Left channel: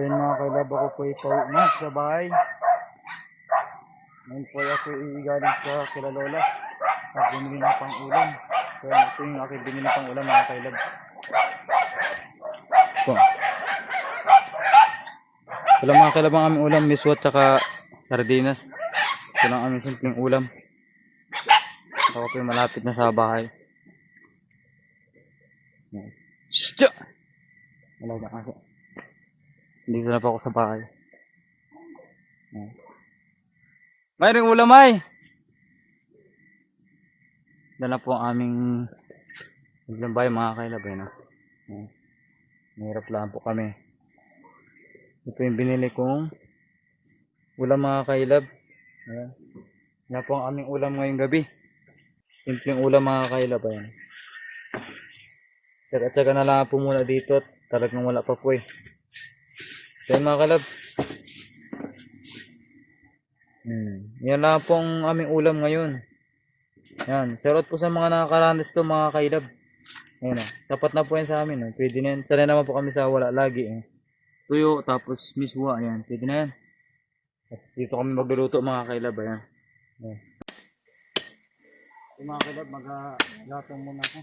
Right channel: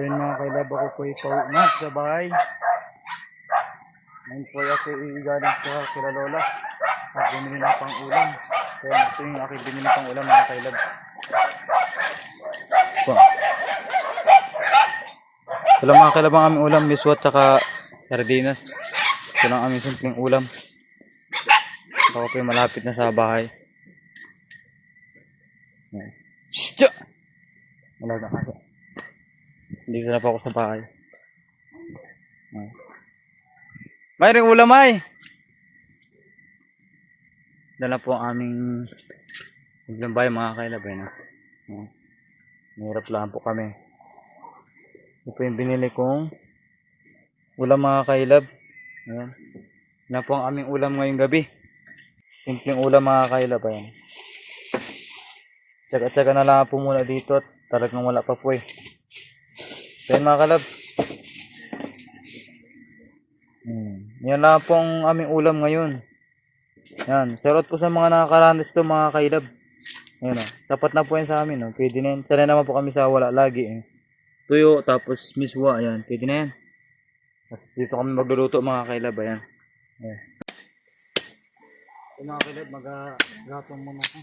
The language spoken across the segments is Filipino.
Ayun mga kailab, ako po ipauwi na sa bahay. Ngayon po ako galing sa kila Lola at bumili ng pang ulam. Kaya ito yung aking binili pang ulam mga kailab. Po. Ito lang mga kailab ang aming ulam, miswat tsaka sardinas. Ito lang aming simpleng ulam. Ako po yung malapit na sa bahay. Shhh! Wala na ako. Hindi na pa ako sa bahay. Mayroong ulam ay! Dala po ang aming maglambay mga kailabay. No? Mahirap lang po kami. Ito po yung binili kong ulam mga kailab. Ayan. Yan po ang aming ulam ngayong gabi. Simpleng ulam mga kailab. Ayan. Tsaga-tsaga na lang po muna dito at talagang wala pa po eh. Ayan mga kalab. Yan lang po ang aming ulam ngayon. Yan. Shoutout po sa mga nakakaranas ito mga kailab. Ayan o. Sapat na po yan sa amin. O. Pwede na yan. Sanay naman po kami sa wala lagi eh. Tuyo tapos miswa. Ayan. Pwede na yan. Tapos dito kami magluluto mga kailab. Ayan. Ayan. So mga kailab, mag-gatong muna ako.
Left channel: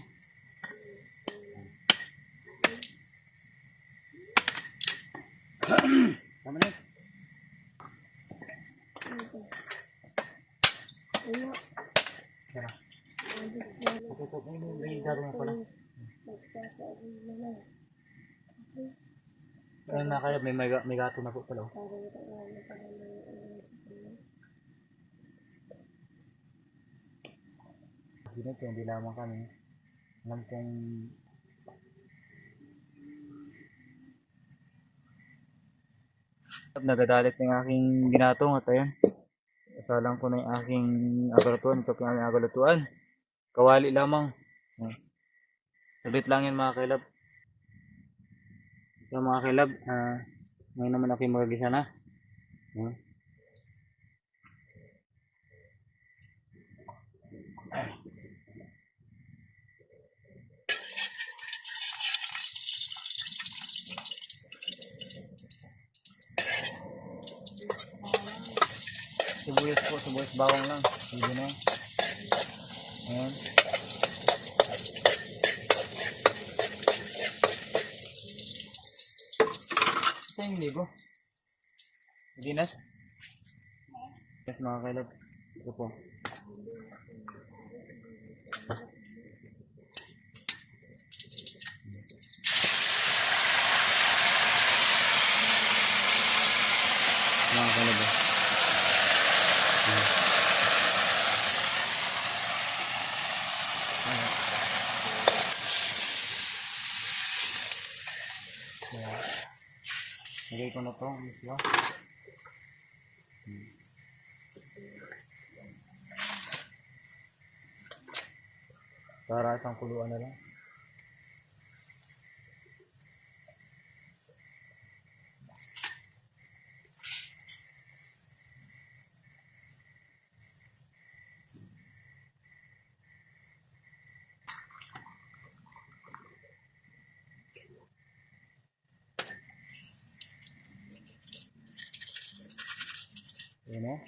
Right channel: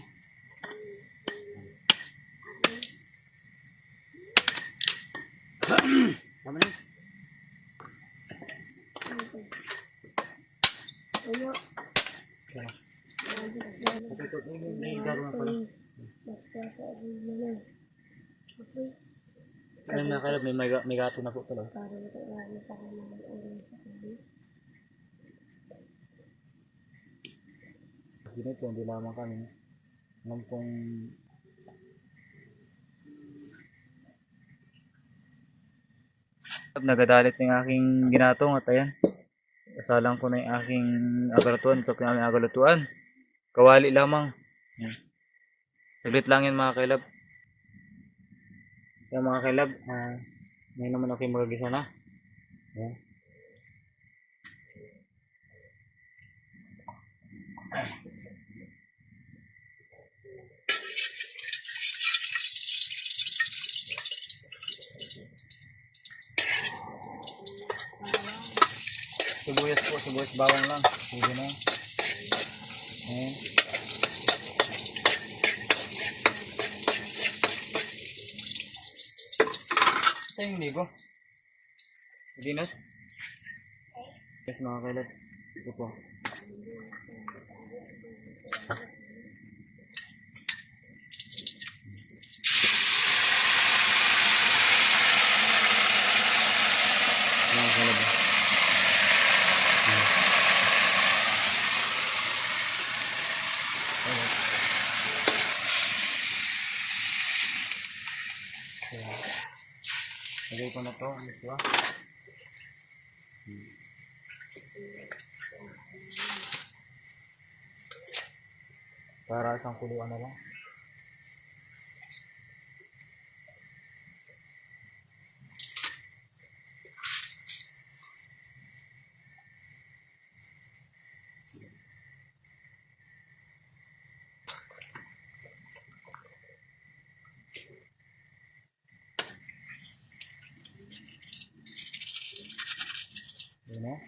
Tama na. May garo na pala. Ayun mga kalab, may gato na po pala. Ginito, hindi lamang kami. Alam kong nagadalit ng aking ginatong at ayan. Kasalang ko na yung aking agalutuan. Ito po yung aming agalutuan. Kawali lamang. Yan. Saglit lang yan mga kailab. Yan mga kailab. Ngayon naman ako yung magagisa na. Yan. Sibuyas po, sibuyas bawang lang. Hindi na. Ayan. Ito yung ligo. Hindi na. Yes mga kailab. Ito po. Mga kailab. Lagay ko na ito, miswa. Para isang kuluan na lang. Yun o.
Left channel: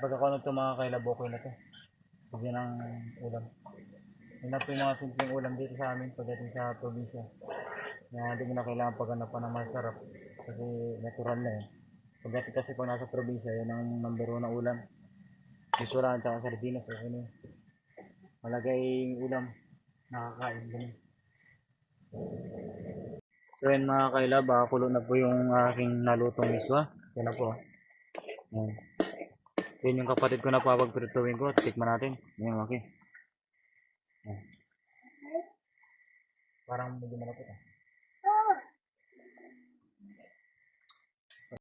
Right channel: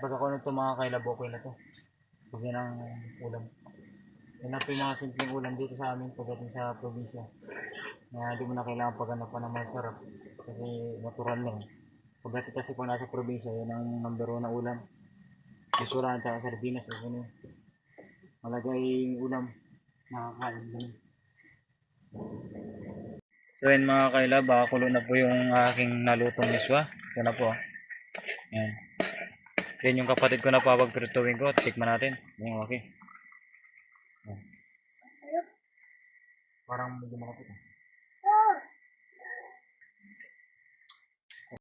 Pag ako nito mga kailab, okay na to. Kasi ng ulam. Yun na po yung mga simpleng ulam dito sa amin pagdating sa probinsya. Na hindi mo na kailangan pagganapan ng masarap. Kasi natural na eh. Pagdating kasi kung nasa probinsya, yun ang number 1 na ulam. Bisuran at sardinas. So, yun, malagay yung ulam. Nakakain din. So yun mga kailab, kulo na po yung aking nalutong miswa. Yan na po. Yan. Yan yung kapatid ko na papagpirituin ko. Tikman natin. Yan okay. Yan. Parang medyo malapit ah.